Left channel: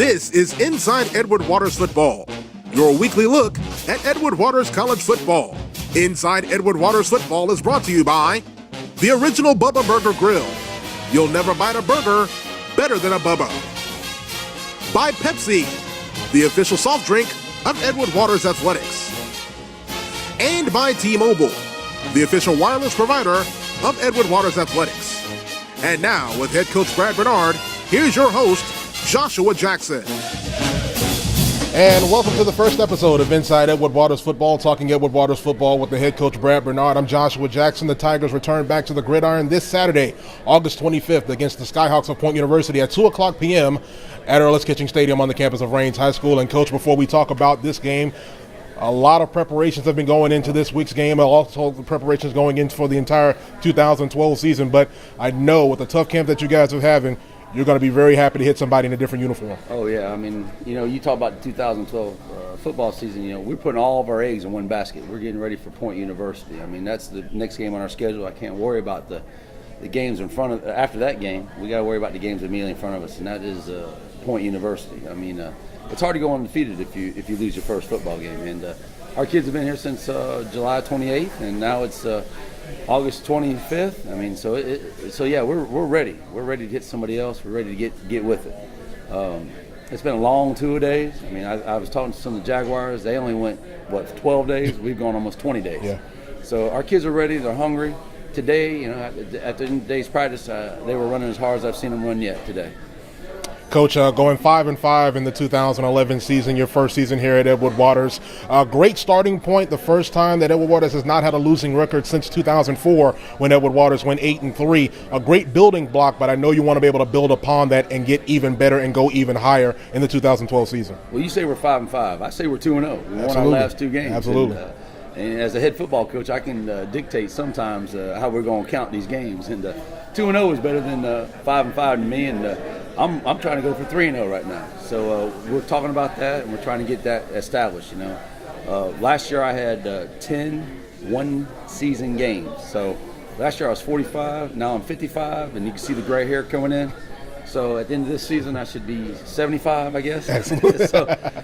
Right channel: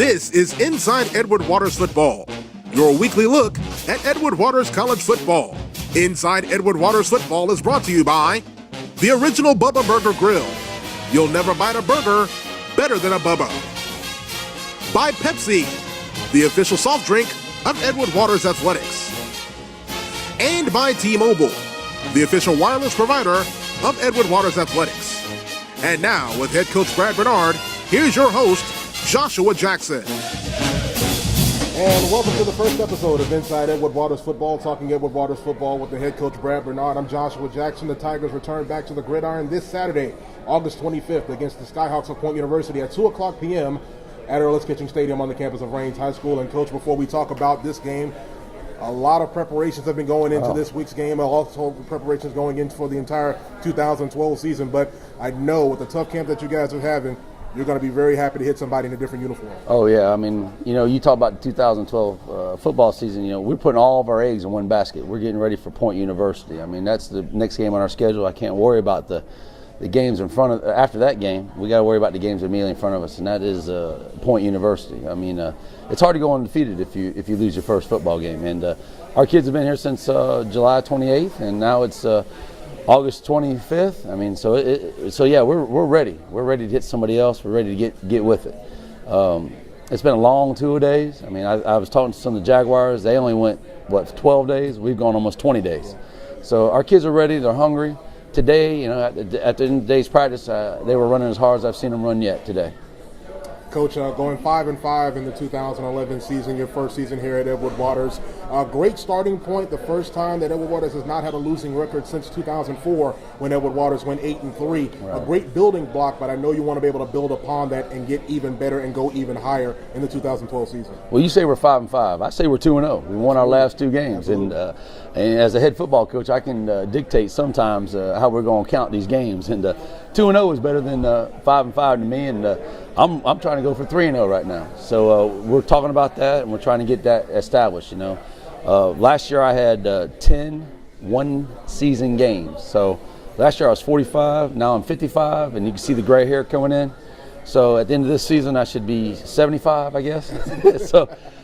This is Inside Edward Waters Football, your weekly look at Edward Waters College football. Inside Edward Waters Football is brought to you by the original Bubba Burger Grill. You'll never bite a burger better than a Bubba. By Pepsi, the official soft drink of Edward Waters Athletics. And by T-Mobile, the official wireless provider of Edward Waters Athletics. And now, with head coach Brad Bernard, here's your host, Joshua Jackson. And welcome to the first episode of Inside Edward Waters Football, talking Edward Waters Football with the head coach Brad Bernard. I'm Joshua Jackson. The Tigers return back to the gridiron this Saturday, August 25th, against the Skyhawks of Point University at 2 o'clock p.m. at Earl's Kitchen Stadium on the campus of Raines High School. And Coach, before we talk about this game, a lot of preparations have been going into this week's game, also preparations going into for the entire 2012 season. But I know with the tough camp that you guys are having, you're going to be very happy to hit somebody in a different uniform. Oh, yeah. I mean, you talk about the 2012 football season, we're putting all of our eggs in one basket. We're getting ready for Point University. I mean, that's the next game on our schedule. I can't worry about the games in front of, after that game. We got to worry about the games immediately in front of us, and that is Point University. I mean, it's hard to go undefeated if you lose your first football game. And our kids have been here since July 28th, and now it's August 25th. I mean, so yeah, we're ready. We're ready to hit somebody else. We're ready to get with it. It's been a long 2 days. I mean, I was talking to some of the Jaguars. They only went 12 days. We've gone almost 20 days. Yeah. So our kids are ready. They're hungry. Today, at the end of the day's practice, they were running as hard as I've seen them run yet today. Coach, going 5-5 in the 2011 season, your first season here at Edward Waters. Great starting point, the first time that Edward Waters has not had a losing record since 2004 when Edward Waters went 8-3. Right. A great building block, but I know you want to be able to build upon that and get even better and go even higher in the 2012 season. Well, you say we're 5-5. I say we're 2-0. We won our last two games. Absolutely. And as a head football coach, I can dictate sometimes how we're going to count these games. And 2-0 is better than 5-5 to me. And I'm trying to go for 3-0 right now. So we're talking about that, and we're trying to get that established. Last year I had 10 one-season games. So last year I was 45. Now I'm 55, and you can see the gray hair coming in. So at the end of this season, I should be 75, I guess.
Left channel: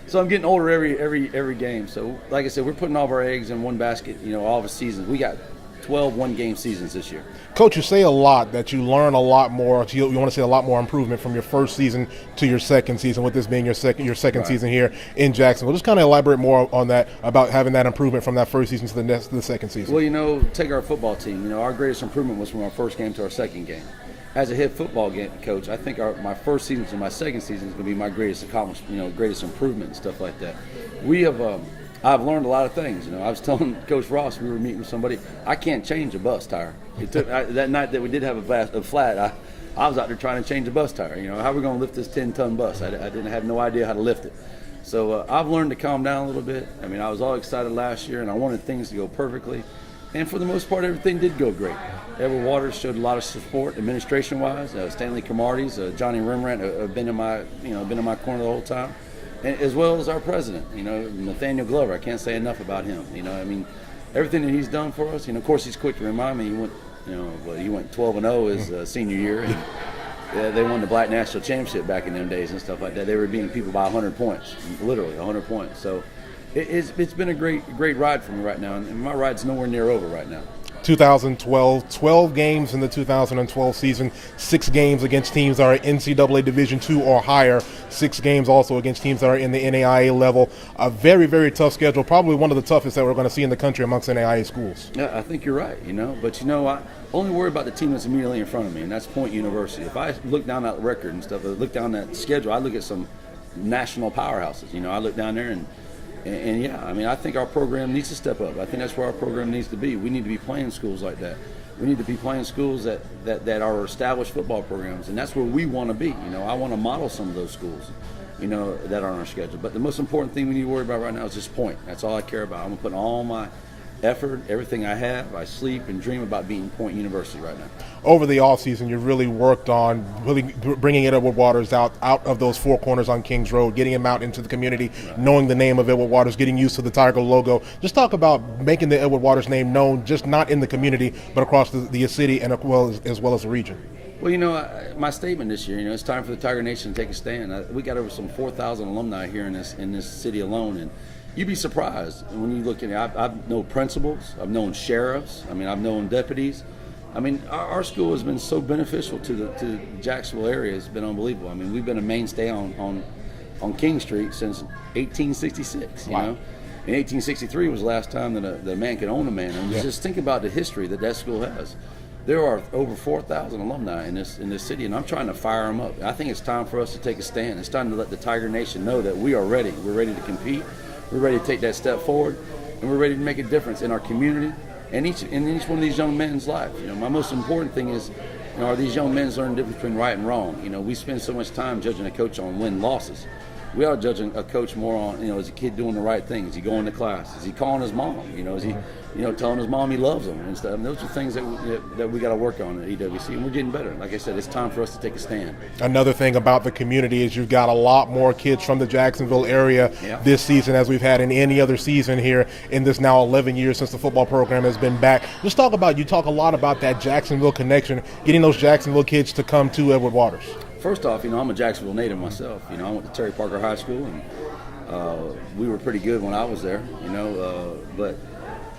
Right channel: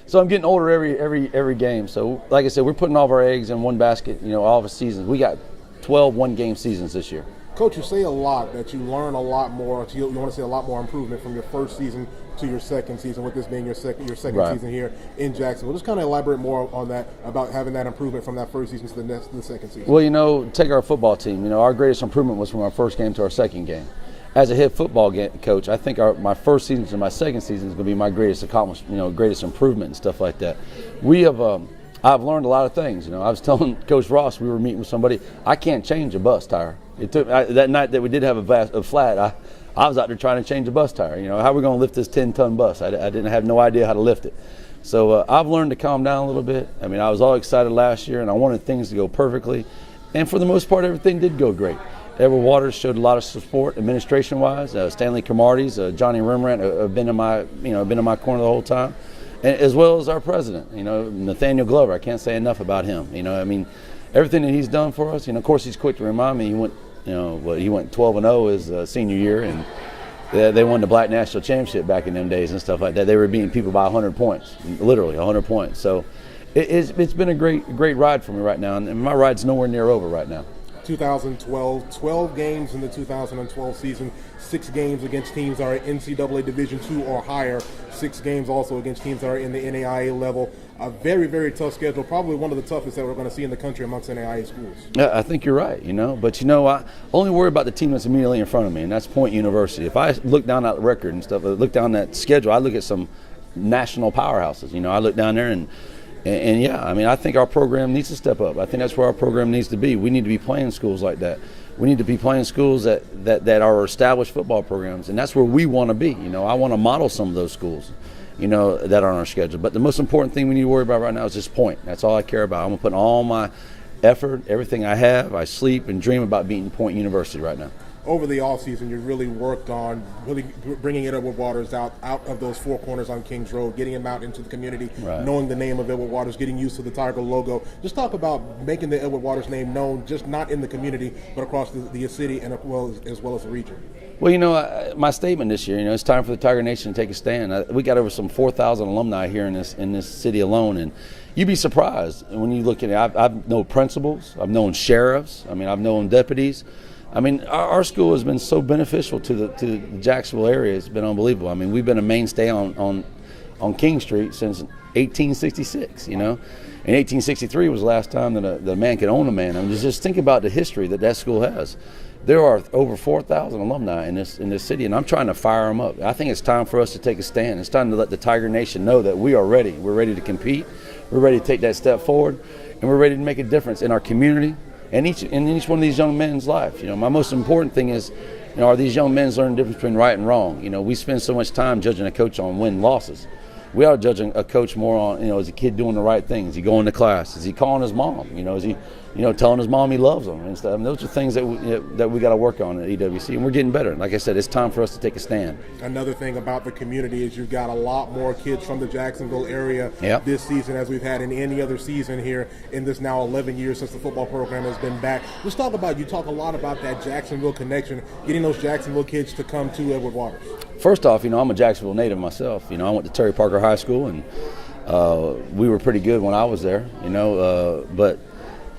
so I'm getting older every game. So like I said, we're putting all of our eggs in one basket. All of the seasons. We got 12 one-game seasons this year. Coach, you say a lot that you learn a lot more. You want to see a lot more improvement from your first season to your second season, with this being your second right. season here in Jacksonville. Just kind of elaborate more on that, about having that improvement from that first season to the second season. Well, take our football team. Our greatest improvement was from our first game to our second game. As a head football coach, I think my first season to my second season is going to be my greatest accomplishment, greatest improvement and stuff like that. I've learned a lot of things. I was telling Coach Ross, we were meeting with somebody, I can't change a bus tire. That night that we did have a flat, I was out there trying to change a bus tire. How are we going to lift this 10-ton bus? I didn't have no idea how to lift it. So I've learned to calm down a little bit. I mean, I was all excited last year, and I wanted things to go perfectly. And for the most part, everything did go great. Edward Waters showed a lot of support administration-wise. Stanley Cromarties, Johnny Rembrandt have been in my corner the whole time, and as well as our president. Nathaniel Glover. I can't say enough about him. Everything that he's done for us. Of course, he's quick to remind me. He went 12-0 his senior year, and they won the Black National Championship back in them days and stuff like that. They were beating people by 100 points, literally 100 points. So it's been a great ride for me right now, and my ride's nowhere near over right now. 2012, 12 games in the 2012 season, 6 games against teams that are NCAA Division II or higher, 6 games also against teams that are in the NAIA level. A very, very tough schedule, probably one of the toughest that we're going to see in the country amongst NAIA schools. Yeah, I think you're right, but I only worry about the team that's immediately in front of me, and that's Point University. If I look down that record and stuff, I look down that schedule, I look at some national powerhouses. I look down there and yeah, I mean, I think our program needs to step up. I think that's where our program needs to be. We need to be playing schools like that. We need to be playing schools that are established football programs, and that's where we want to be. I want to model some of those schools, that are on our schedule. But the most important thing we need to worry about right now is just Point. That's all I care about. I'm going to put all my effort, everything I have. I sleep and dream about beating Point University right now. Over the offseason, you really worked on really bringing Edward Waters out of those four corners on Kings Road, getting him out into the community, right. Knowing the name of Edward Waters, getting used to the Tiger logo. Just talk about making the Edward Waters name known, just not in the community, but across the city and as well as the region. Well, my statement this year, it's time for the Tiger Nation to take a stand. We got over some 4,000 alumni here in this city alone, and you'd be surprised when you look at it. I've known principals, I've known sheriffs, I've known deputies. Our school has been so beneficial to the Jacksonville area. It's been unbelievable. We've been a mainstay on King Street since 1866. Wow. In 1863 was the last time that a man could own a man. Just think about the history that school has. There are over 4,000 alumni in this city, and I'm trying to fire them up. I think it's time for us to take a stand. It's time to let the Tiger Nation know that we are ready. We're ready to compete. We're ready to take that step forward, and we're ready to make a difference in our community and in each one of these young men's life. My most important thing is, are these young men learning the difference between right and wrong? We spend so much time judging a coach on win losses. We are judging a coach more on, is a kid doing the right thing? Is he going to class? Is he calling his mom? Is he, telling his mom he loves him and stuff? Those are things that we got to work on at EWC, and we're getting better. Like I said, it's time for us to take a stand. Another thing about the community is you've got a lot more kids from the Jacksonville area this season as we've had in any other season here in this now 11 years since the football program has been back. You talk a lot about that Jacksonville connection, getting those Jacksonville kids to come to Edward Waters. First off, I'm a Jacksonville native myself. I went to Terry Parker High School, and we were pretty good when I was there. But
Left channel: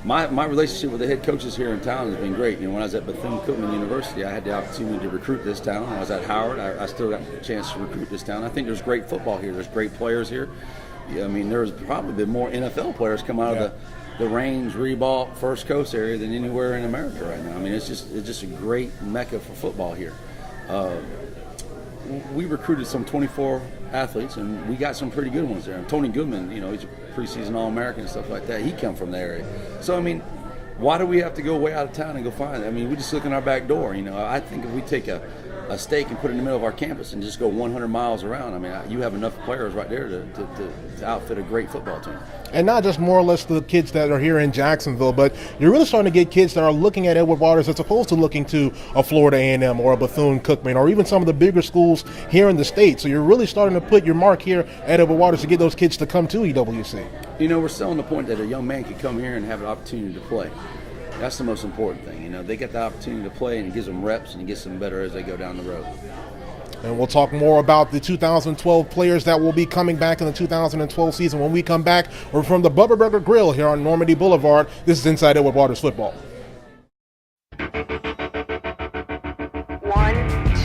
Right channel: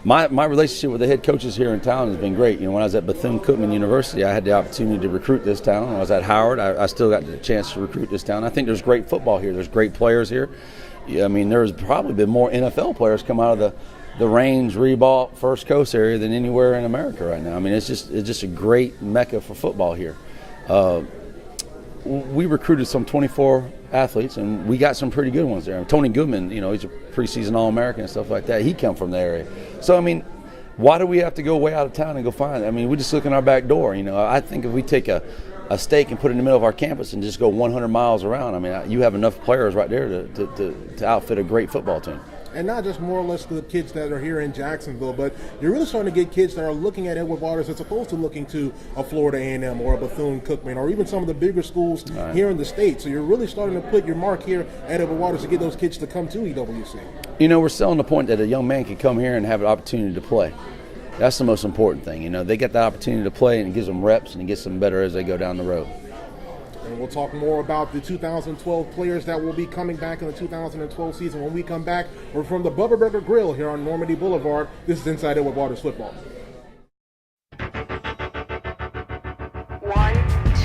my relationship with the head coaches here in town has been great. When I was at Bethune-Cookman University, I had the opportunity to recruit this town. When I was at Howard, I still got the chance to recruit this town. I think there's great football here. There's great players here. There's probably been more NFL players come out of the Range, Reebok, First Coast area than anywhere in America right now. It's just a great mecca for football here. We recruited some 24 athletes, and we got some pretty good ones there. Tony Goodman, he's a preseason All-American and stuff like that. He come from the area. So, why do we have to go way out of town and go find it? We just look in our back door. I think if we take a stake and put it in the middle of our campus and just go 100 miles around, you have enough players right there to outfit a great football team. And not just more or less the kids that are here in Jacksonville, but you're really starting to get kids that are looking at Edward Waters as opposed to looking to a Florida A&M or a Bethune-Cookman or even some of the bigger schools here in the state. So you're really starting to put your mark here at Edward Waters to get those kids to come to EWC. We're selling the point that a young man can come here and have an opportunity to play. That's the most important thing. They get the opportunity to play, and it gives them reps and it gets them better as they go down the road. And we'll talk more about the 2012 players that will be coming back in the 2012 season when we come back. We're from the Bubba Burger Grill here on Normandy Boulevard. This is Inside Edward Waters Football. 1,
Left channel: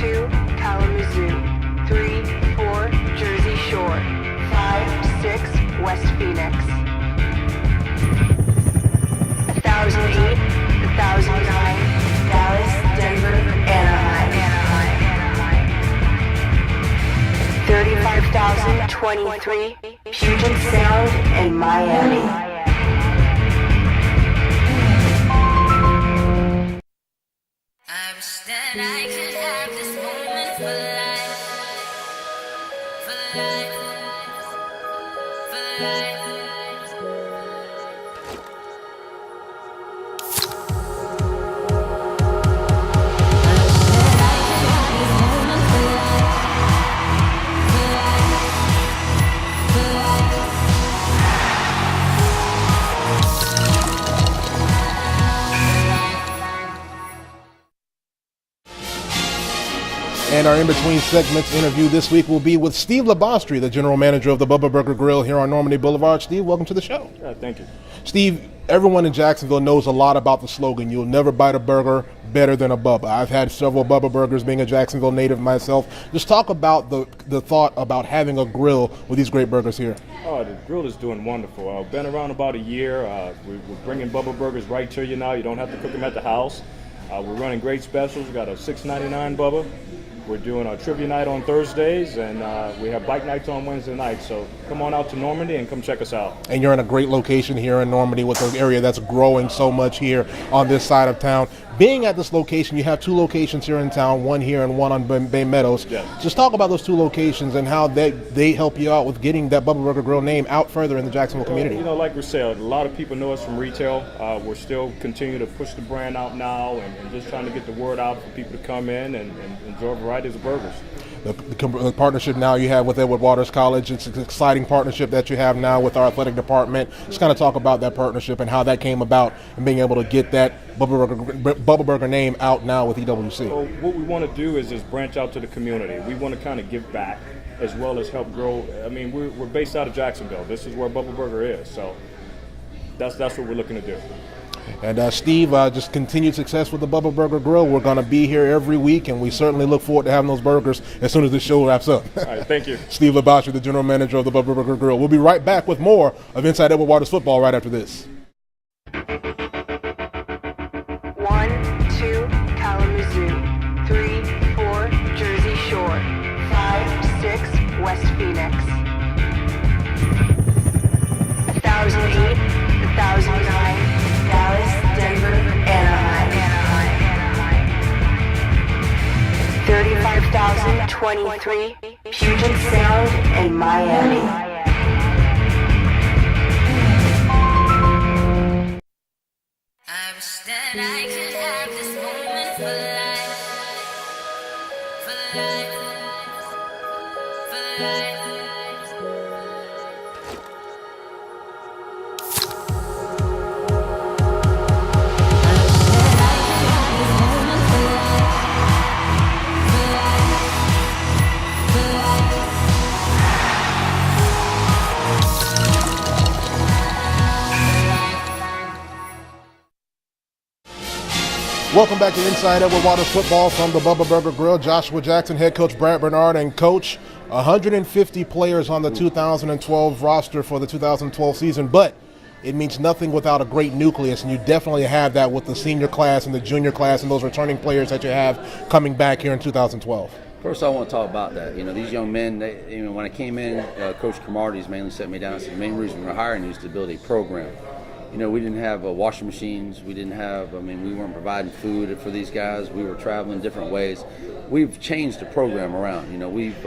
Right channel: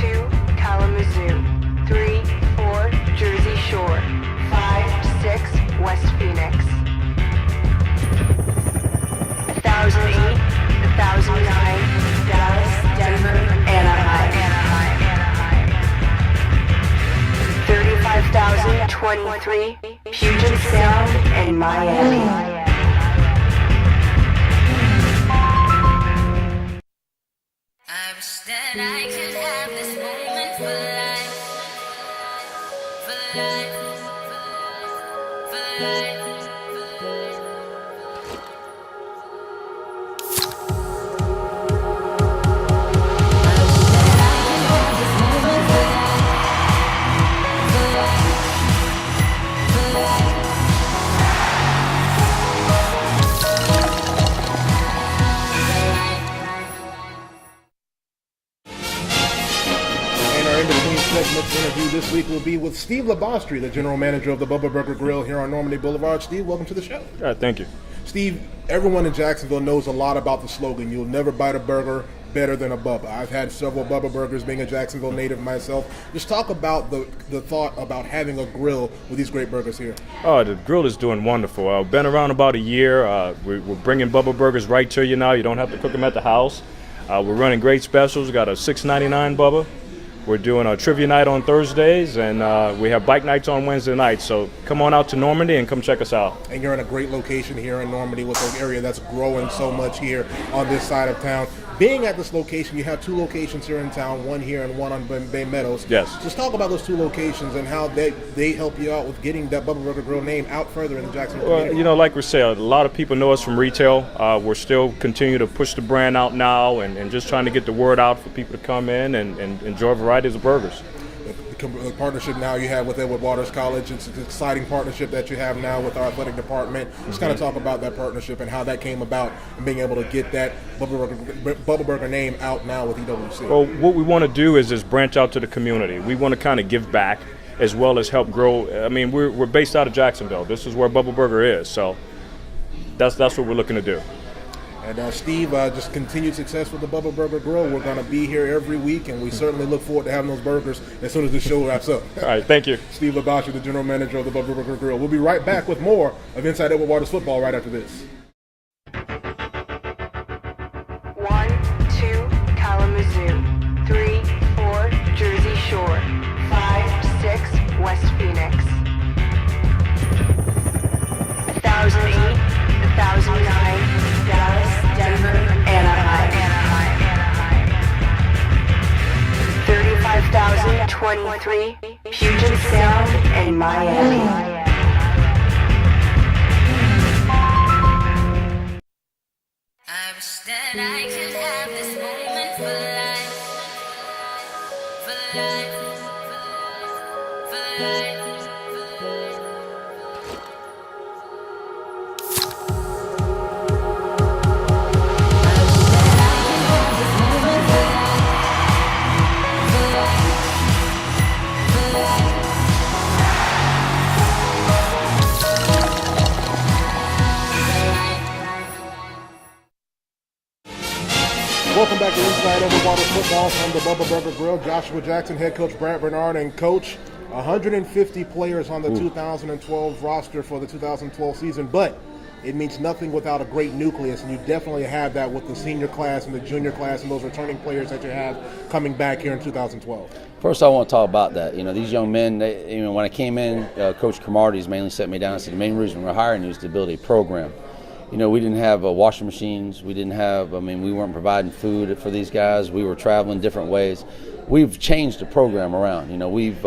2, Kalamazoo. 3, 4, Jersey Shore. 5, 6, West Phoenix. 1008, 1009, Dallas, Denver, Anaheim. 35,023, Puget Sound, and Miami. I wish that I could have this moment for life, for life, for life. And our in-between segments interview this week will be with Steve Labostri, the general manager of the Bubba Burger Grill here on Normandy Boulevard. Steve, welcome to the show. All right, thank you. Steve, everyone in Jacksonville knows a lot about the slogan, "You'll never bite a burger better than a Bubba." I've had several Bubba burgers being a Jacksonville native myself. Just talk about the thought about having a grill with these great burgers here. Oh, the grill is doing wonderful. Been around about a year. We're bringing Bubba burgers right to you now. You don't have to cook them at the house. We're running great specials. We got a $6.99 Bubba. We're doing a trivia night on Thursdays, and we have bike nights on Wednesday nights. So come on out to Normandy and come check us out. And you're in a great location here in Normandy with an area that's growing so much here on this side of town. Being at this location, you have two locations here in town, one here and one on Bay Meadows. Yes. Just talk about those two locations and how they help you out with getting that Bubba Burger Grill name out further in the Jacksonville community. Like we said, a lot of people know us from retail. We're still continue to push the brand out now and just trying to get the word out for people to come in and enjoy varieties of burgers. the partnership now you have with Edward Waters College. It's an exciting partnership that you have now with our athletic department. Just kind of talk about that partnership and how that came about and being able to get that Bubba Burger name out now with EWC. Well, what we want to do is just branch out to the community. We want to kind of give back as well as help grow. I mean, we're based out of Jacksonville. This is where Bubba Burger is, so that's what we're looking to do. And Steve, just continued success with the Bubba Burger Grill. We're going to be here every week, and we certainly look forward to having those burgers as soon as the show wraps up. All right, thank you. Steve Labashi, the general manager of the Bubba Burger Grill. We'll be right back with more of Inside Edward Waters Football right after this. 1, 2, Kalamazoo. 3, 4, Jersey Shore. 5, 6, West Phoenix. 1008, 1009, Dallas, Denver, Anaheim. 35,023, Puget Sound, and Miami. I wish that I could have this moment for life, for life, for life. Welcome back to Inside Edward Waters Football from the Bubba Burger Grill. Joshua Jackson, head coach Brad Bernard, and coach. 150 players on the 2012 roster for the 2012 season, but it means nothing without a great nucleus, and you definitely have that with the senior class and the junior class and those returning players that you have coming back here in 2012. First, I want to talk about that. You know, these young men, when I came in, Coach Cromartie's mainly set me down and said the main reason we're hiring you is to build a program. You know, we didn't have washing machines. We weren't providing food for these guys. We were traveling different ways. We've changed the program around. You know, we've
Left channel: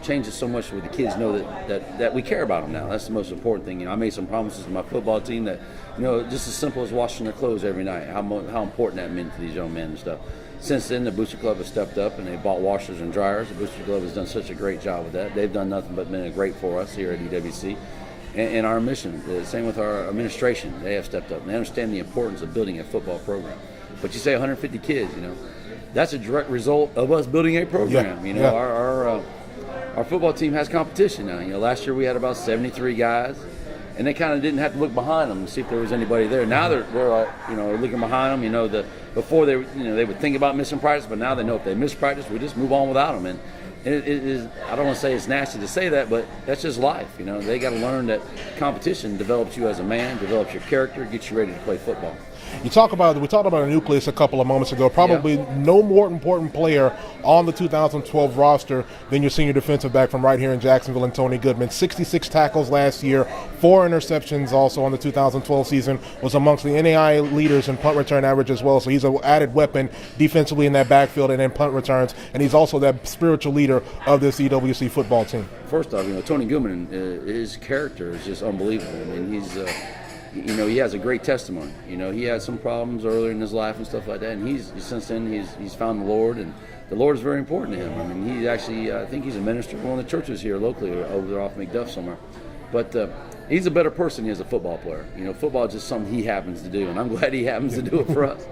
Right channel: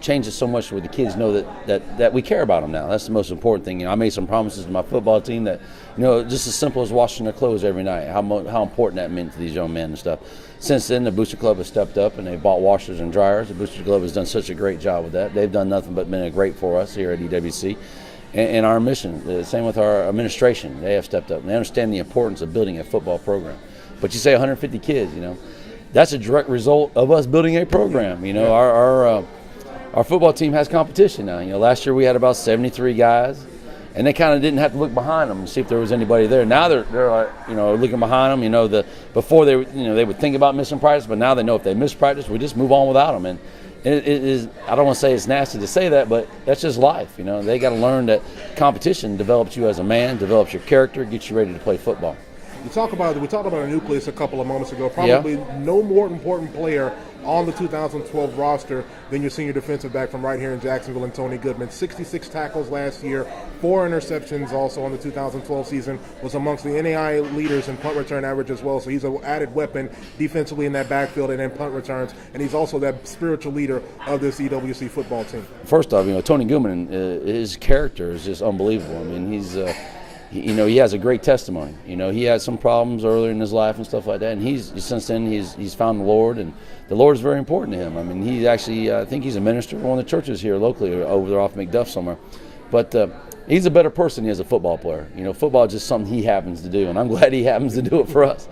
changed it so much where the kids know that we care about them now. That's the most important thing. You know, I made some promises to my football team that, you know, just as simple as washing their clothes every night, how important that meant to these young men and stuff. Since then, the Booster Club has stepped up and they bought washers and dryers. The Booster Club has done such a great job with that. They've done nothing but been great for us here at EWC. And our mission, the same with our administration, they have stepped up. And they understand the importance of building a football program. But you say 150 kids, you know, that's a direct result of us building a program. You know, our football team has competition now. You know, last year we had about 73 guys, and they kind of didn't have to look behind them to see if there was anybody there. Now they're like, you know, looking behind them. You know, before they would think about missing practice, but now they know if they miss practice, we just move on without them. And it is, I don't want to say it's nasty to say that, but that's just life. You know, they got to learn that competition develops you as a man, develops your character, gets you ready to play football. We talked about a nucleus a couple of moments ago. Probably no more important player on the 2012 roster than your senior defensive back from right here in Jacksonville and Tony Goodman. 66 tackles last year, 4 interceptions also on the 2012 season, was amongst the NAIA leaders in punt return average as well. So he's an added weapon defensively in that backfield and in punt returns, and he's also that spiritual leader of this EWC football team. First off, you know, Tony Goodman, his character is just unbelievable. I mean, he's you know, he has a great testimony. You know, he had some problems earlier in his life and stuff like that, and since then he's found the Lord, and the Lord is very important to him. I mean, he's actually, I think he's a minister for one of the churches here locally, over there off McDuff somewhere. But he's a better person than he is a football player. You know, football is just something he happens to do, and I'm glad he happens to do it for us.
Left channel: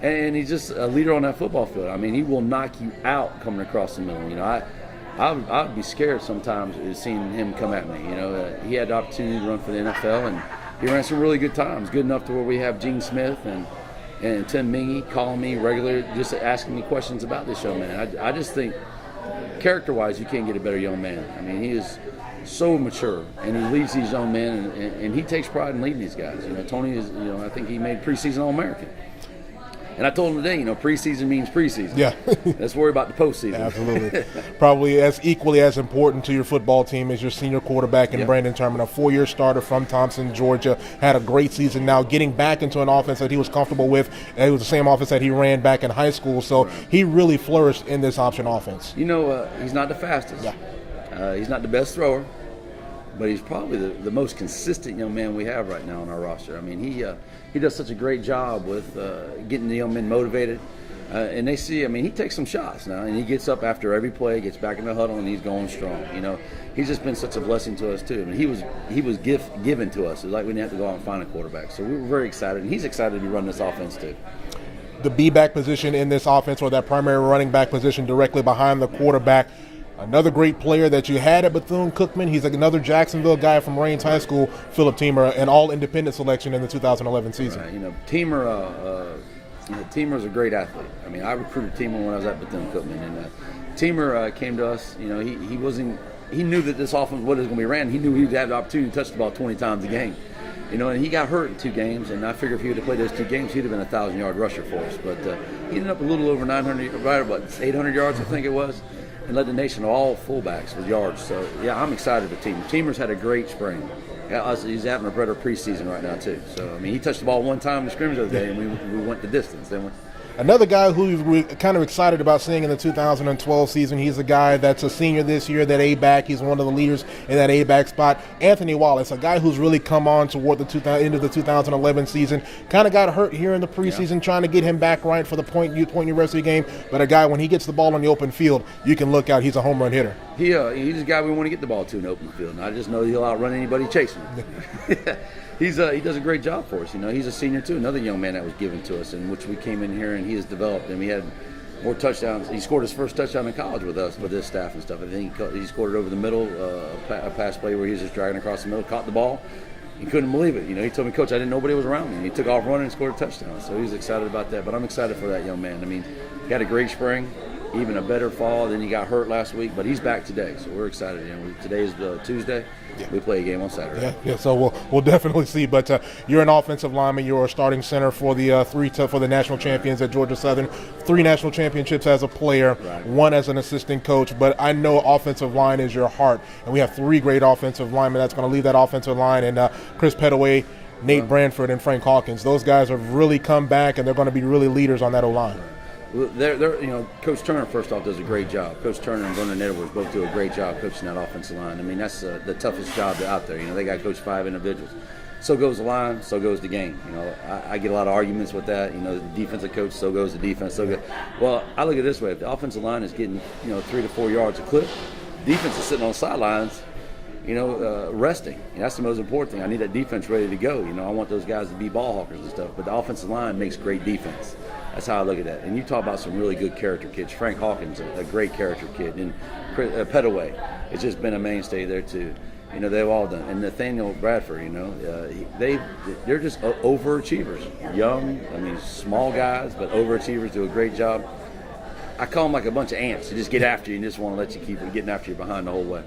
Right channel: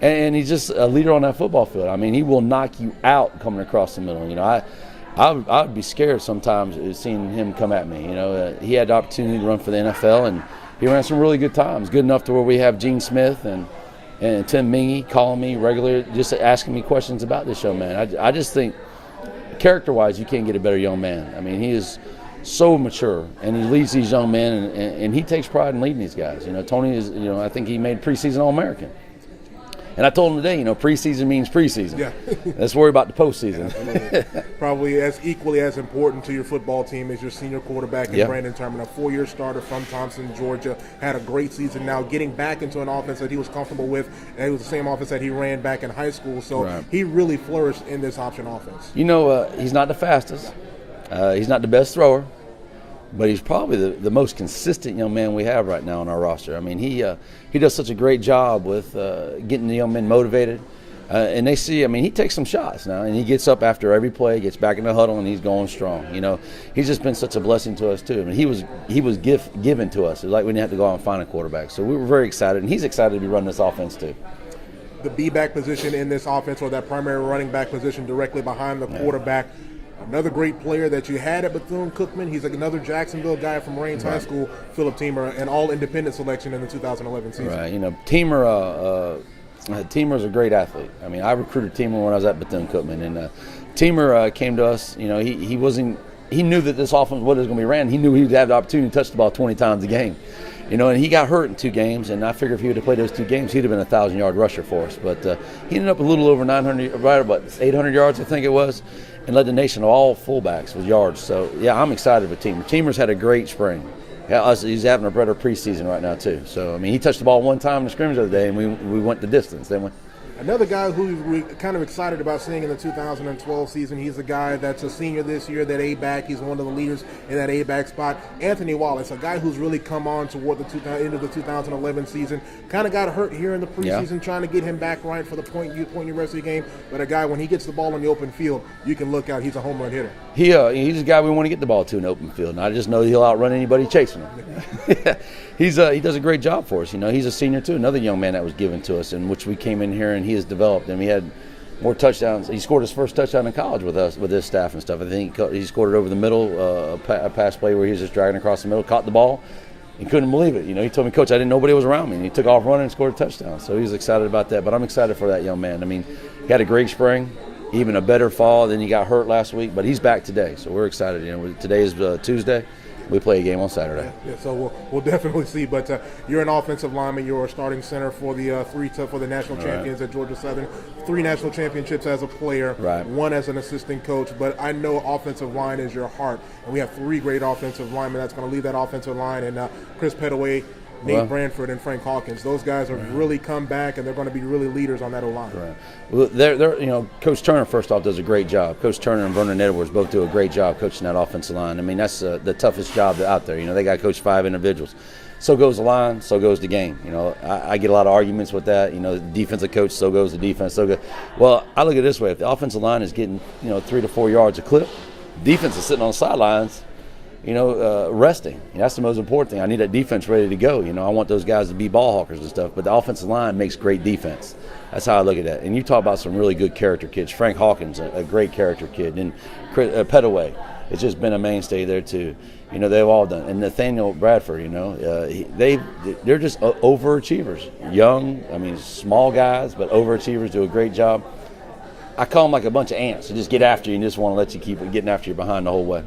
And he's just a leader on that football field. I mean, he will knock you out coming across the middle. You know, I would be scared sometimes seeing him come at me. You know, he had the opportunity to run for the NFL, and he ran some really good times, good enough to where we have Gene Smith and Tim Mingy calling me regularly, just asking me questions about this young man. I just think, character-wise, you can't get a better young man. I mean, he is so mature, and he leads these young men, and he takes pride in leading these guys. You know, Tony is, you know, I think he made preseason All-American. And I told him today, you know, preseason means preseason. Yeah. Let's worry about the postseason. Absolutely. Probably as equally as important to your football team as your senior quarterback in Brandon Terman, a 4-year starter from Thompson, Georgia, had a great season now, getting back into an offense that he was comfortable with. And it was the same offense that he ran back in high school. So he really flourished in this option offense. You know, he's not the fastest. He's not the best thrower. But he's probably the most consistent young man we have right now on our roster. I mean, he does such a great job with getting the young men motivated. And they see, I mean, he takes some shots now, and he gets up after every play, gets back in the huddle, and he's going strong. You know, he's just been such a blessing to us too. I mean, he was given to us. It's like we didn't have to go out and find a quarterback. So we were very excited, and he's excited to be running this offense too. The B-back position in this offense, or that primary running back position directly behind the quarterback. Another great player that you had at Bethune-Cookman. He's another Jacksonville guy from Raines High School, Philip Teamer, an all-independent selection in the 2011 season. Right. You know, Teamer's a great athlete. I mean, I recruited Teamer when I was at Bethune-Cookman, and Teamer came to us. You know, he knew that this offense, what it was going to be ran. He knew he would have the opportunity to touch the ball 20 times a game. You know, and he got hurt in 2 games, and I figured if he would have played those 2 games, he'd have been a 1,000-yard rusher for us. But he ended up a little over 900, right about 800 yards, I think it was, and led the nation all fullbacks with yards. So, yeah, I'm excited with Teamer. Teamer's had a great spring. Yeah, he's having a better preseason right now, too. So, I mean, he touched the ball 1 time in the scrimmage the other day, and we went the distance, didn't we? Another guy who we're kind of excited about seeing in the 2012 season, he's a guy that's a senior this year, that A-back. He's one of the leaders in that A-back spot. Anthony Wallace, a guy who's really come on toward the end of the 2011 season. Kind of got hurt here in the preseason, trying to get him back right for the Point University game. But a guy, when he gets the ball on the open field, you can look out. He's a home run hitter. He's a guy we want to get the ball to in the open field, and I just know he'll outrun anybody chasing him. He does a great job for us. You know, he's a senior too, another young man that was given to us, in which we came in here and he has developed. And we had more touchdowns. He scored his first touchdown in college with us, with his staff and stuff. I think he scored it over the middle, a pass play where he was just dragging across the middle, caught the ball. He couldn't believe it. You know, he told me, Coach, I didn't know nobody was around me. And he took off running and scored a touchdown. So he was excited about that. But I'm excited for that young man. I mean, he had a great spring, even a better fall. Then he got hurt last week, but he's back today. So we're excited. You know, today is Tuesday. We play a game on Saturday. Yeah, so we'll definitely see. But you're an offensive lineman. You're a starting center for the for the national champions at Georgia Southern. 3 national championships as a player, 1 as an assistant coach. But I know offensive line is your heart, and we have 3 great offensive linemen that's going to lead that offensive line. And Chris Pettaway, Nate Branford, and Frank Hawkins. Those guys have really come back, and they're going to be really leaders on that O-line. Right. Well, they're you know, Coach Turner, first off, does a great job. Coach Turner and Vernon Edwards both do a great job coaching that offensive line. I mean, that's the toughest job out there. You know, they got to coach 5 individuals. So goes the line, so goes the game. You know, I get a lot of arguments with that. You know, the defensive coach, so goes the defense, so good. Well, I look at it this way. If the offensive line is getting, 3 to 4 yards a clip, defense is sitting on the sidelines, resting. That's the most important thing. I need that defense ready to go. I want those guys to be ball hawkers and stuff. But the offensive line makes great defense. That's how I look at that. And you talk about some really good character kids. Frank Hawkins, a great character kid. And Pettaway has just been a mainstay there too. They've all done. And Nathaniel Bradford, they're just overachievers. Young, small guys, but overachievers, do a great job. I call them like a bunch of ants. They just get after you and just want to let you keep getting after you behind the whole way.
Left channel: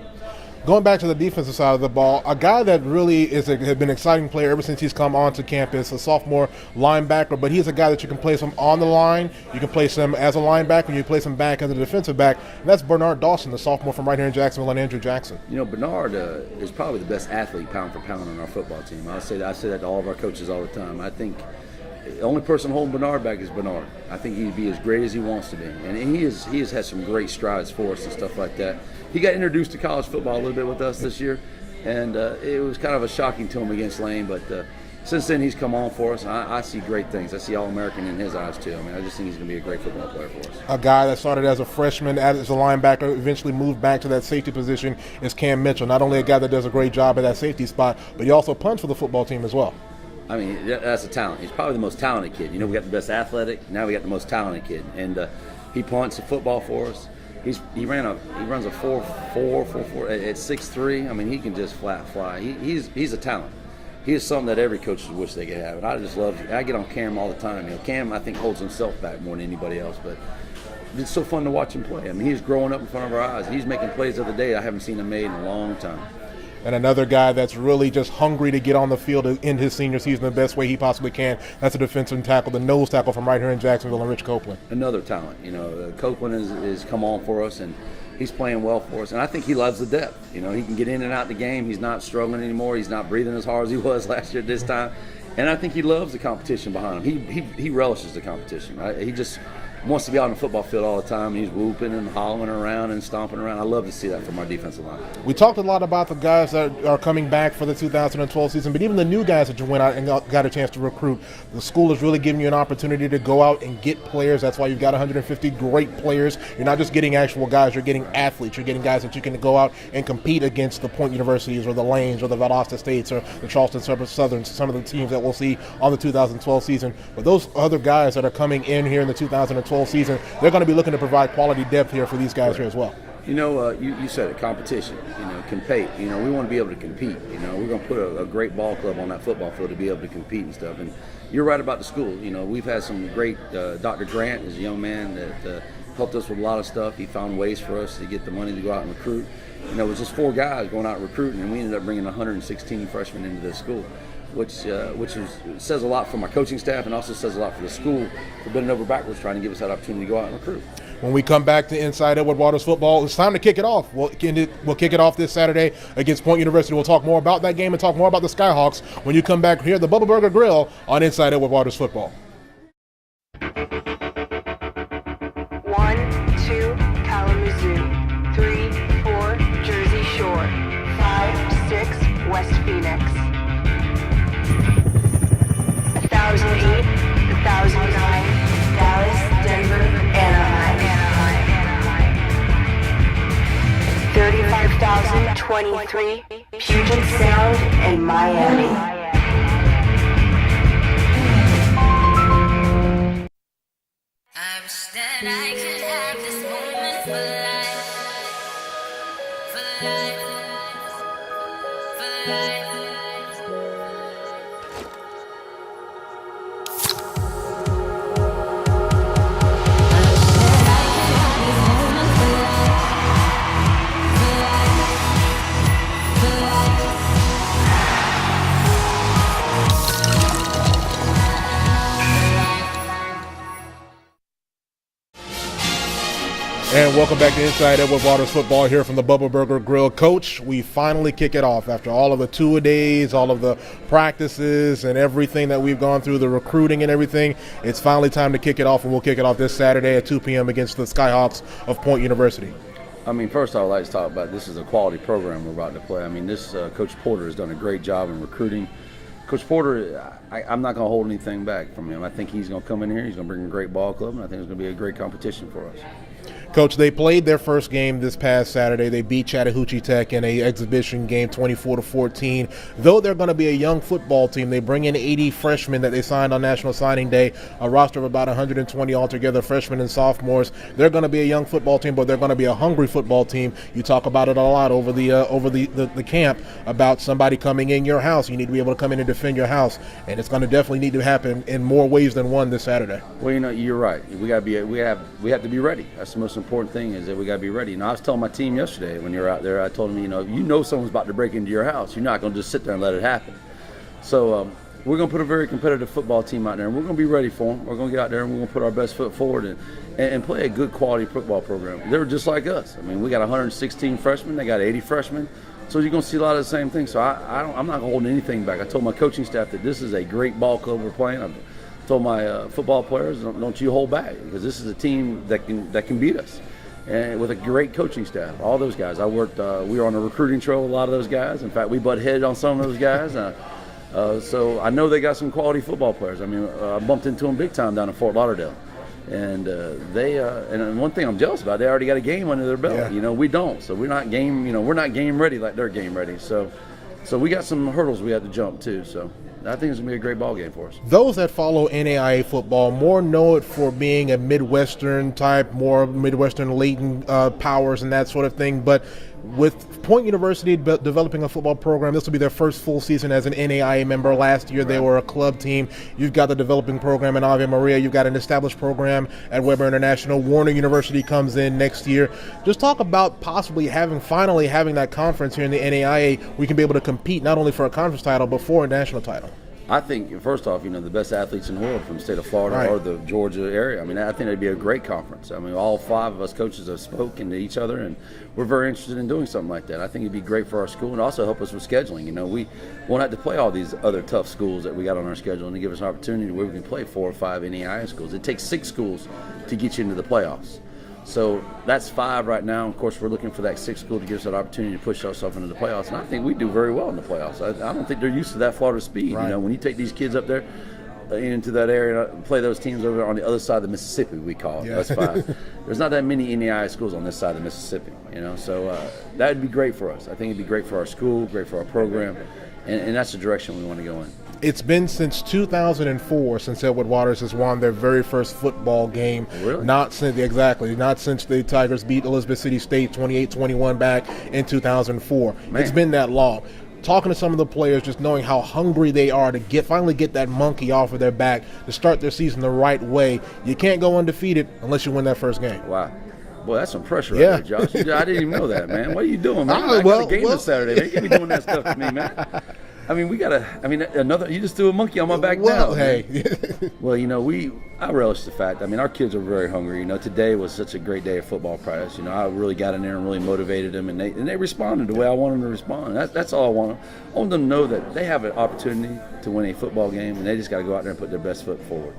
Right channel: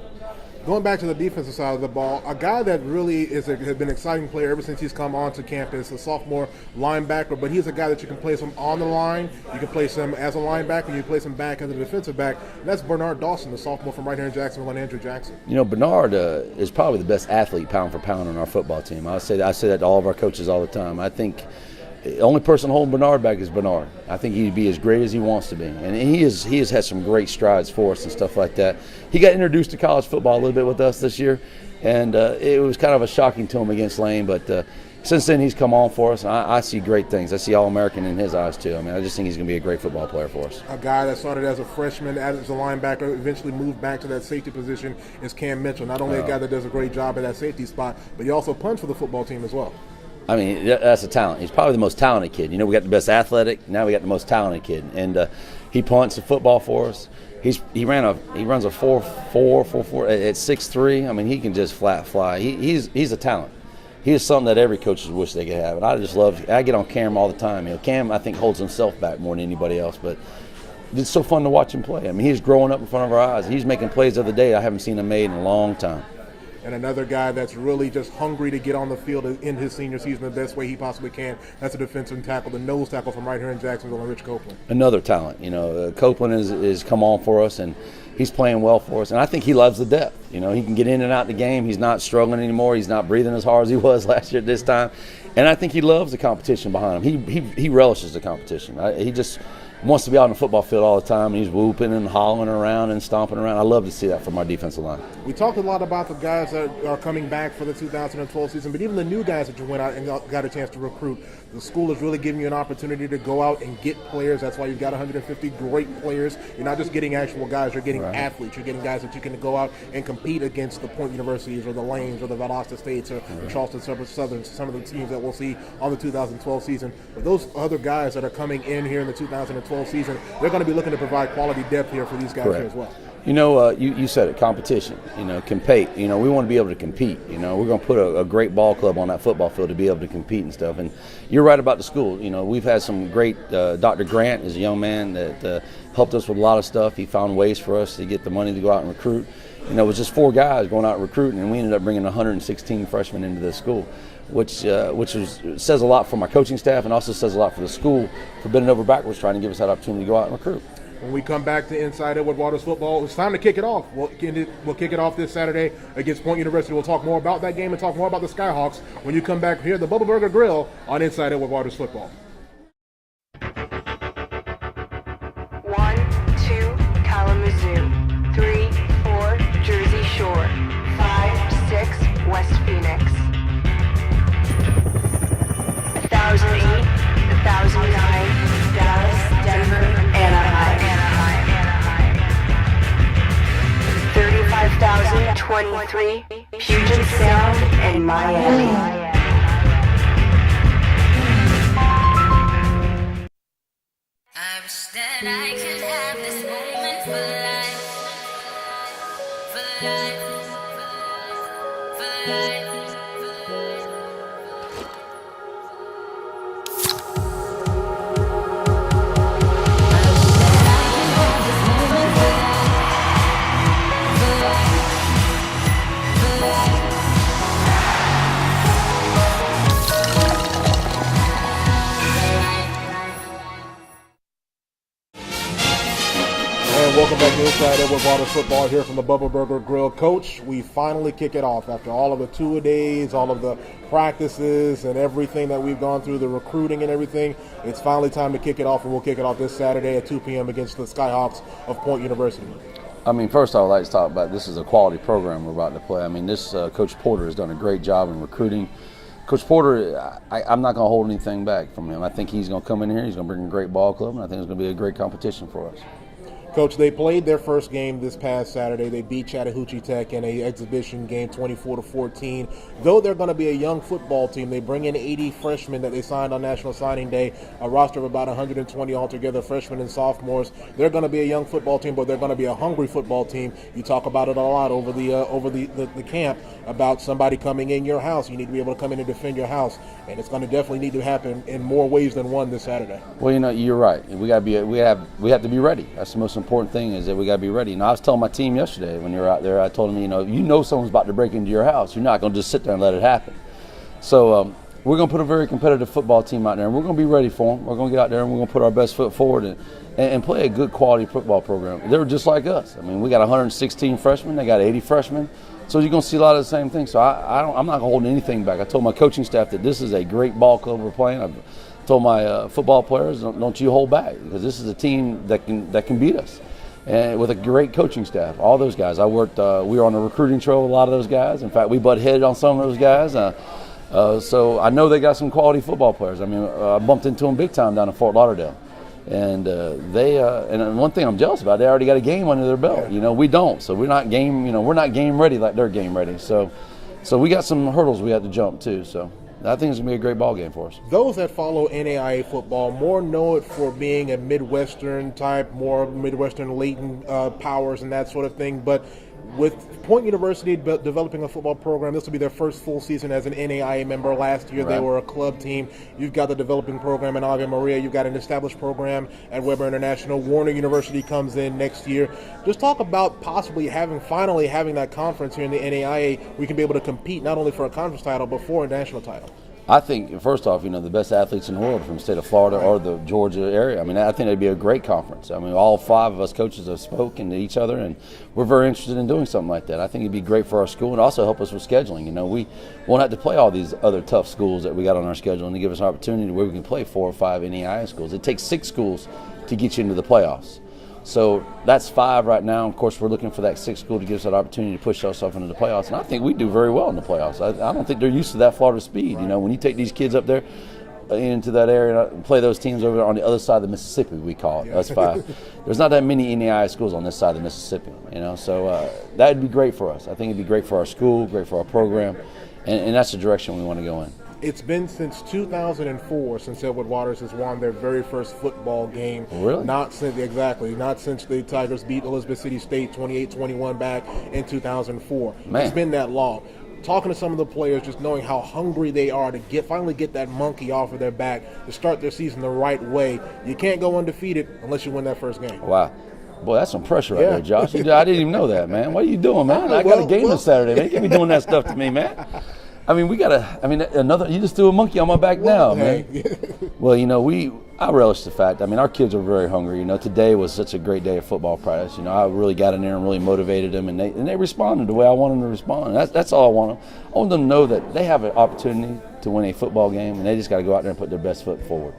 Going back to the defensive side of the ball, a guy that really has been an exciting player ever since he's come onto campus, a sophomore linebacker, but he's a guy that you can place him on the line, you can place him as a linebacker, and you can place him back as a defensive back. That's Bernard Dawson, the sophomore from right here in Jacksonville, and Andrew Jackson. Bernard is probably the best athlete pound for pound on our football team. I say that to all of our coaches all the time. I think the only person holding Bernard back is Bernard. I think he'd be as great as he wants to be. And he has had some great strides for us and stuff like that. He got introduced to college football a little bit with us this year, and it was kind of a shocking to him against Lane. But since then, he's come on for us, and I see great things. I see All-American in his eyes, too. I just think he's going to be a great football player for us. A guy that started as a freshman, as a linebacker, eventually moved back to that safety position is Cam Mitchell. Not only a guy that does a great job at that safety spot, but he also punts for the football team as well. That's a talent. He's probably the most talented kid. We got the best athletic. Now we got the most talented kid, and he punts the football for us. He runs a 4.4 at 6'3". He can just flat fly. He's a talent. He is something that every coach would wish they could have. And I get on Cam all the time. Cam, I think, holds himself back more than anybody else, but it's so fun to watch him play. He's growing up in front of our eyes. He's making plays the other day I haven't seen him made in a long time. And another guy that's really just hungry to get on the field in his senior season the best way he possibly can. That's a defensive tackle, the nose tackle from right here in Jacksonville, and Rich Copeland. Another talent. Copeland is come on for us, and he's playing well for us. And I think he loves the depth. He can get in and out the game. He's not struggling anymore. He's not breathing as hard as he was last year at this time. And I think he loves the competition behind him. He relishes the competition. wants to be out on the football field all the time, and he's whooping and hollering around and stomping around. I love to see that from our defensive line. We talked a lot about the guys that are coming back for the 2012 season, but even the new guys that you went out and got a chance to recruit. The school is really giving you an opportunity to go out and get players. That's why you've got 150 great players. You're not just getting actual guys, you're getting athletes. You're getting guys that you can go out and compete against the Point Universities or the Lanes or the Valdosta States or the Charleston Southern, some of the teams that we'll see on the 2012 season. But those other guys that are coming in here in the 2012 season, they're going to be looking to provide quality depth here for these guys here as well. You know, you said it, competition, compete. We want to be able to compete. We're going to put a great ball club on that football field to be able to compete and stuff. And you're right about the school. We've had some great, Dr. Grant is a young man that helped us with a lot of stuff. He found ways for us to get the money to go out and recruit. It was just 4 guys going out recruiting, and we ended up bringing 116 freshmen into the school, which says a lot for my coaching staff and also says a lot for the school for bending over backwards trying to give us that opportunity to go out and recruit. When we come back to Inside Edward Waters football, it's time to kick it off. We'll kick it off this Saturday against Point University. We'll talk more about that game and talk more about the Skyhawks when you come back here at the Bubba Burger Grill on Inside Edward Waters football. 1, 2, Kalamazoo. 3, 4, Jersey Shore. 5, 6, West Phoenix. 1008, 1009, Dallas, Denver, Anaheim. 35,023, Puget Sound, and Miami. I wish that I could have this moment for life, for life, for life. And welcome back to Inside Edward Waters football here from the Bubba Burger Grill. Coach, we finally kick it off after all of the two-a-days, all of the practices and everything that we've gone through, the recruiting and everything. It's finally time to kick it off, and we'll kick it off this Saturday at 2 p.m. against the Skyhawks of Point University. First I'd like to talk about this is a quality program we're about to play. This Coach Porter has done a great job in recruiting. Coach Porter, I'm not going to hold anything back from him. I think he's going to come in here, he's going to bring a great ball club, and I think it's going to be a great competition for us. Coach, they played their first game this past Saturday. They beat Chattahoochee Tech in an exhibition game 24-14. Though they're going to be a young football team, they bring in 80 freshmen that they signed on National Signing Day, a roster of about 120 altogether, freshmen and sophomores. They're going to be a young football team, but they're going to be a hungry football team. You talk about it a lot over the camp about somebody coming in your house. You need to be able to come in and defend your house, and it's going to definitely need to happen in more ways than one this Saturday. Well, you're right. We have to be ready. That's the most important thing is that we got to be ready. I was telling my team yesterday when you're out there, I told them, if someone's about to break into your house, you're not going to just sit there and let it happen. So we're going to put a very competitive football team out there, and we're going to be ready for them. We're going to get out there and we're going to put our best foot forward and play a good quality football program. They're just like us. We got 116 freshmen. They got 80 freshmen. So you're going to see a lot of the same things. So I'm not going to hold anything back. I told my coaching staff that this is a great ball club we're playing. I told my football players, don't you hold back, because this is a team that can beat us. And with a great coaching staff, all those guys. We were on a recruiting trail with a lot of those guys. In fact, we butt headed on some of those guys. So I know they got some quality football players. I bumped into them big time down in Fort Lauderdale. And and one thing I'm jealous about, they already got a game under their belt. We don't. So we're not game ready like they're game ready. So we got some hurdles we have to jump too. So I think it's going to be a great ball game for us. Those that follow NAIA football more know it for being a Midwestern type, more Midwestern latent powers and that sort of thing. But with Point University developing a football program, this will be their first full season as an NAIA member. Last year they were a club team. You've got the developing program in Ave Maria. You've got an established program at Weber International. Warner University comes in next year. Just talk about possibly finally having that conference here in the NAIA. We can be able to compete not only for a conference title but for a national title. I think, first off, the best athletes in the world from the state of Florida or the Georgia area. I think it'd be a great conference. All 5 of us coaches have spoken to each other, and we're very interested in doing something like that. I think it'd be great for our school and also help us with scheduling. We won't have to play all these other tough schools that we got on our schedule, and to give us an opportunity where we can play 4 or 5 NAIA schools. It takes 6 schools to get you into the playoffs. So that's 5 right now. Of course, we're looking for that 6th school to give us that opportunity to push ourselves into the playoffs. And I think we do very well in the playoffs. I don't think they're used to that Florida speed. Right. You know, when you take these kids up there into that area and play those teams over there on the other side of the Mississippi, we call it. That's 5. There's not that many NAIA schools on this side of the Mississippi, you know. So that would be great for us. I think it'd be great for our school, great for our program, and that's the direction we want to go in. It's been since 2004 since Edward Waters has won their very first football game. Really? Not since the Tigers beat Elizabeth City State 28-21 back in 2004. Man. It's been that long. Talking to some of the players, just knowing how hungry they are to finally get that monkey off of their back to start their season the right way. You can't go undefeated unless you win that first game. Wow. Boy, that's some pressure right there, Josh. I didn't even know that, man. What are you doing, man? I got a game this Saturday. They can't be doing that stuff to me, man. I mean, you just threw a monkey on my back now, man. Well, you know, I relish the fact, our kids are very hungry. You know, today was such a great day of football practice. You know, I really got in there and really motivated them, and they responded the way I wanted them to respond. That's all I want. I want them to know that they have an opportunity to win a football game, and they just got to go out there and put their best foot forward.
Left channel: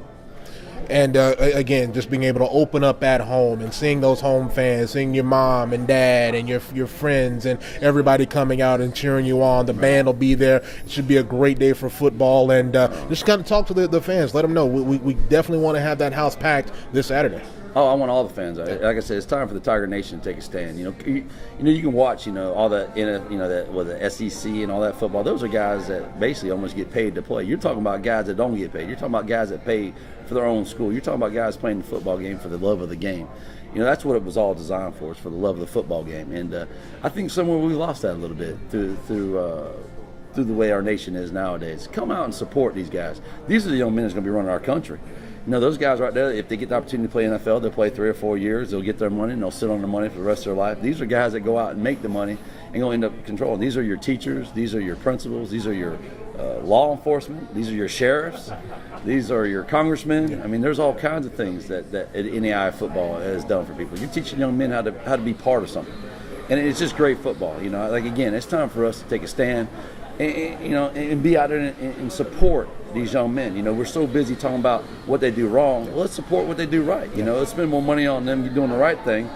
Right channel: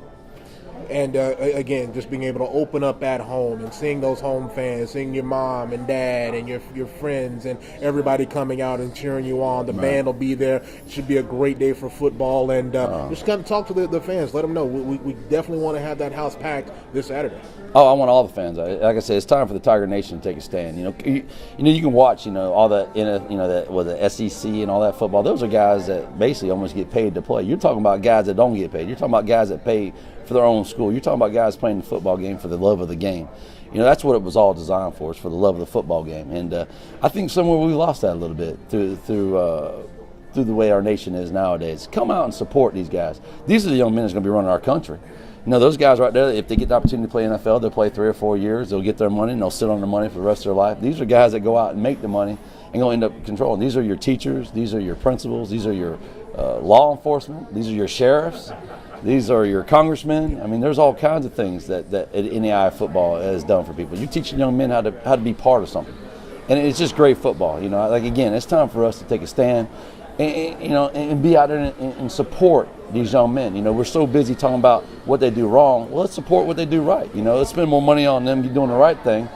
And again, just being able to open up at home and seeing those home fans, seeing your mom and dad and your friends and everybody coming out and cheering you on. The band will be there. It should be a great day for football. And just kind of talk to the fans. Let them know we definitely want to have that house packed this Saturday. Oh, I want all the fans. Like I said, it's time for the Tiger Nation to take a stand. You can watch, all that with the SEC and all that football. Those are guys that basically almost get paid to play. You're talking about guys that don't get paid. You're talking about guys that pay for their own school. You're talking about guys playing the football game for the love of the game. That's what it was all designed for, is for the love of the football game. And I think somewhere we lost that a little bit through the way our nation is nowadays. Come out and support these guys. These are the young men that's going to be running our country. Those guys right there, if they get the opportunity to play NFL, they'll play 3 or 4 years. They'll get their money, and they'll sit on their money for the rest of their life. These are guys that go out and make the money and going to end up controlling. These are your teachers. These are your principals. These are your law enforcement. These are your sheriffs. These are your congressmen. There's all kinds of things that NAIA football has done for people. You're teaching young men how to be part of something. And it's just great football. Again, it's time for us to take a stand and be out there and support these young men. We're so busy talking about what they do wrong. Well, let's support what they do right. Let's spend more money on them doing the right thing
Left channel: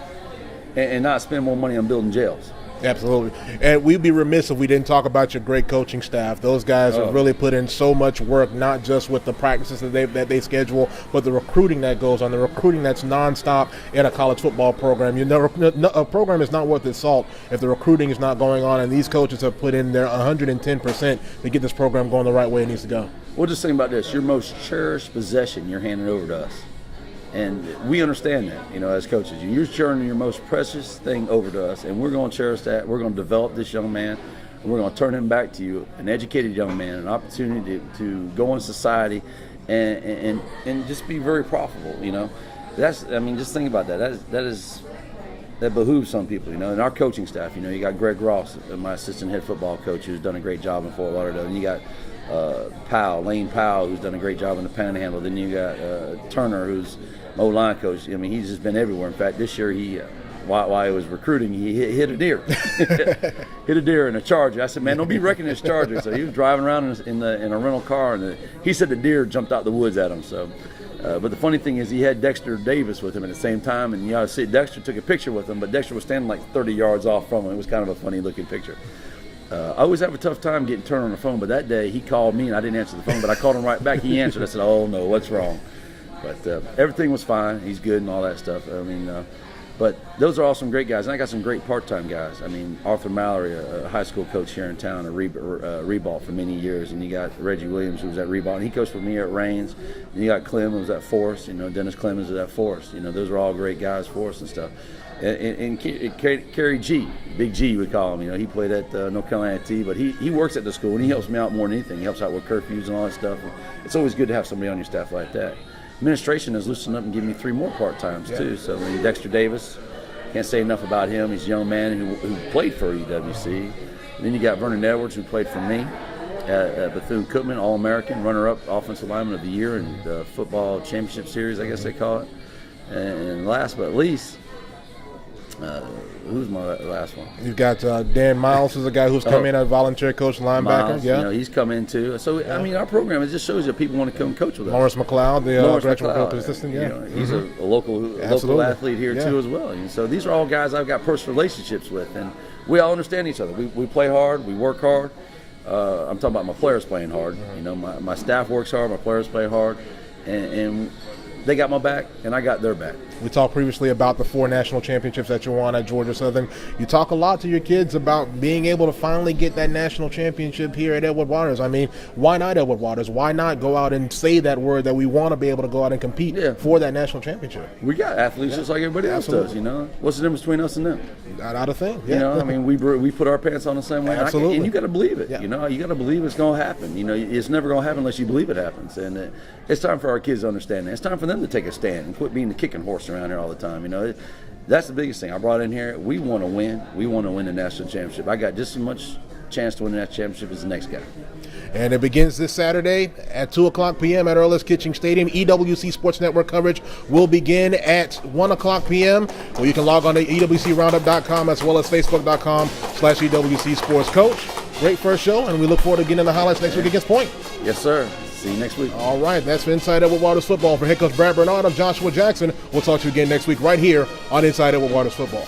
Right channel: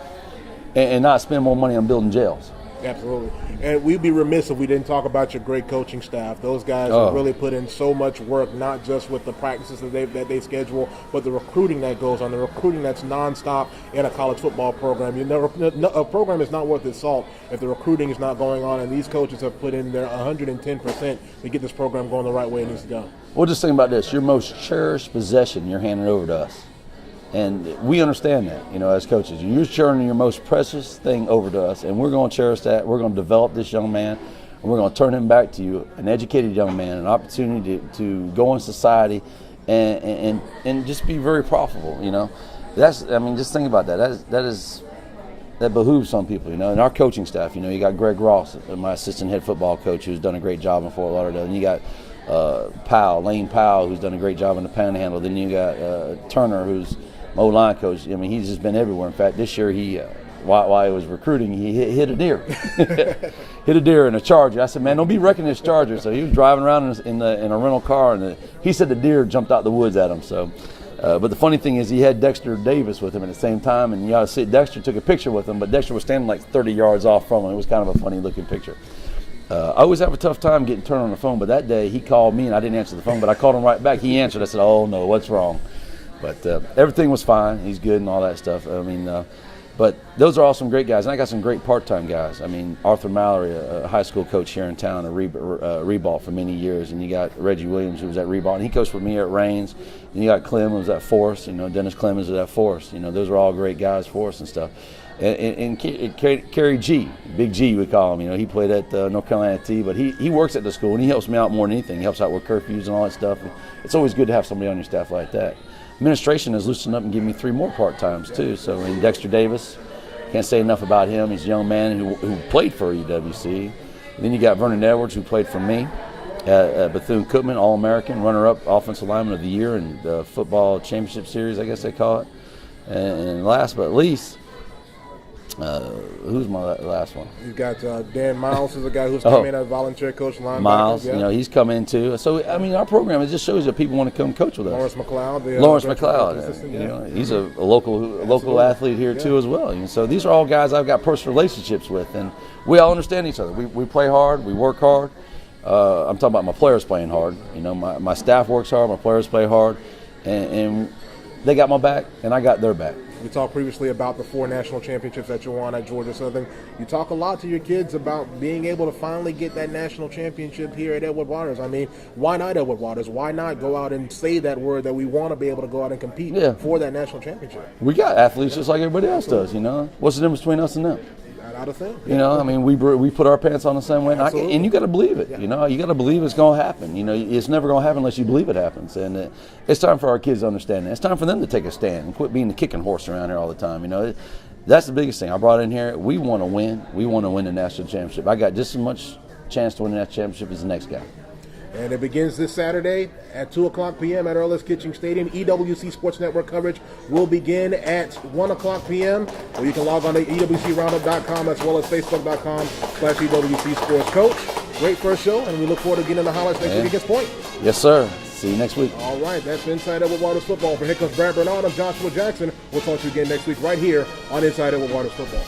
and not spend more money on building jails. Absolutely. And we'd be remiss if we didn't talk about your great coaching staff. Those guys have really put in so much work, not just with the practices that they schedule, but the recruiting that goes on, the recruiting that's nonstop in a college football program. A program is not worth its salt if the recruiting is not going on, and these coaches have put in their 110% to get this program going the right way it needs to go. Well, just think about this. Your most cherished possession you're handing over to us. And we understand that, as coaches. You're sharing your most precious thing over to us, and we're going to cherish that. We're going to develop this young man, and we're going to turn him back to you, an educated young man, an opportunity to go in society and just be very profitable, That's, just think about that. That behooves some people, And our coaching staff, you got Greg Ross, my assistant head football coach, who's done a great job in Fort Lauderdale. And you got Lane Powell, who's done a great job in the Panhandle. Then you got Turner, who's O-line coach. He's just been everywhere. In fact, this year while he was recruiting, he hit a deer. Hit a deer in a Charger. I said, man, don't be wrecking this Charger. So he was driving around in a rental car, and he said the deer jumped out the woods at him. So, but the funny thing is he had Dexter Davis with him at the same time, and you ought to see Dexter took a picture with him, but Dexter was standing like 30 yards off from him. It was kind of a funny looking picture. I always have a tough time getting turned on the phone, but that day he called me and I didn't answer the phone, but I called him right back. He answered. I said, oh no, what's wrong? But everything was fine. He's good and all that stuff. But those are all some great guys. And I got some great part-time guys. Arthur Mallory, a high school coach here in town, at Reball for many years. And you got Reggie Williams, who was at Reball. And he coached with me here at Raines. And you got Clem, who was at Forest. Dennis Clemens was at Forest. Those are all great guys for us and stuff. And Kerry G, Big G we call him. He played at North Carolina T, but he works at the school and he helps me out more than anything. He helps out with curfews and all that stuff. It's always good to have somebody on your staff like that. Administration has loosened up and given me 3 more part-times too. So Dexter Davis, can't say enough about him. He's a young man who played for EWC. Then you got Vernon Edwards, who played for me. Bethune-Cookman, All-American, runner-up Offensive Lineman of the Year in the football championship series, I guess they call it. And last but least, Who's my last one? You've got Dan Miles, is a guy who's come in as volunteer coach linebacker. Miles, Yeah. he's come in too. So I mean, our program, it just shows that people want to come coach with us. Lawrence McLeod, the Lawrence director of McLeod, assistant, he's a local Absolutely. athlete here Yeah. too as well. And so these are all guys I've got personal relationships with, and we all understand each other. We play hard, we work hard. I'm talking about my players playing hard. My staff works hard, my players play hard, and they got my back, and I got their back. We talked previously about the 4 national championships that you won at Georgia Southern. You talk a lot to your kids about being able to finally get that national championship here at Edward Waters. I mean, why not Edward Waters? Why not go out and say that word that we want to be able to go out and compete for that national championship? We got athletes just like everybody else does, What's the difference between us and them? Not a thing. I mean, we put our pants on the same way, Absolutely. and you got to believe it. You got to believe it's going to happen. It's never going to happen unless you believe it happens. And it's time for our kids to understand that. It's time for them to take a stand and quit being the kicking horse around here all the time. That's the biggest thing I brought in here. We want to win. We want to win the national championship. I got just as much chance to win the national championship as the next guy. And it begins this Saturday at 2 o'clock p.m. at Earl's Kitchen Stadium. EWC Sports Network coverage will begin at 1 o'clock p.m. Or you can log on to EWCRoundup.com as well as Facebook.com/EWC Sports Coach. Great first show, and we look forward to getting in the highlights next week against Point. Yes, sir. See you next week. All right, that's for Inside Edward Waters Football. For head coach Brad Bernard, I'm Joshua Jackson. We'll talk to you again next week right here on Inside Edward Waters Football.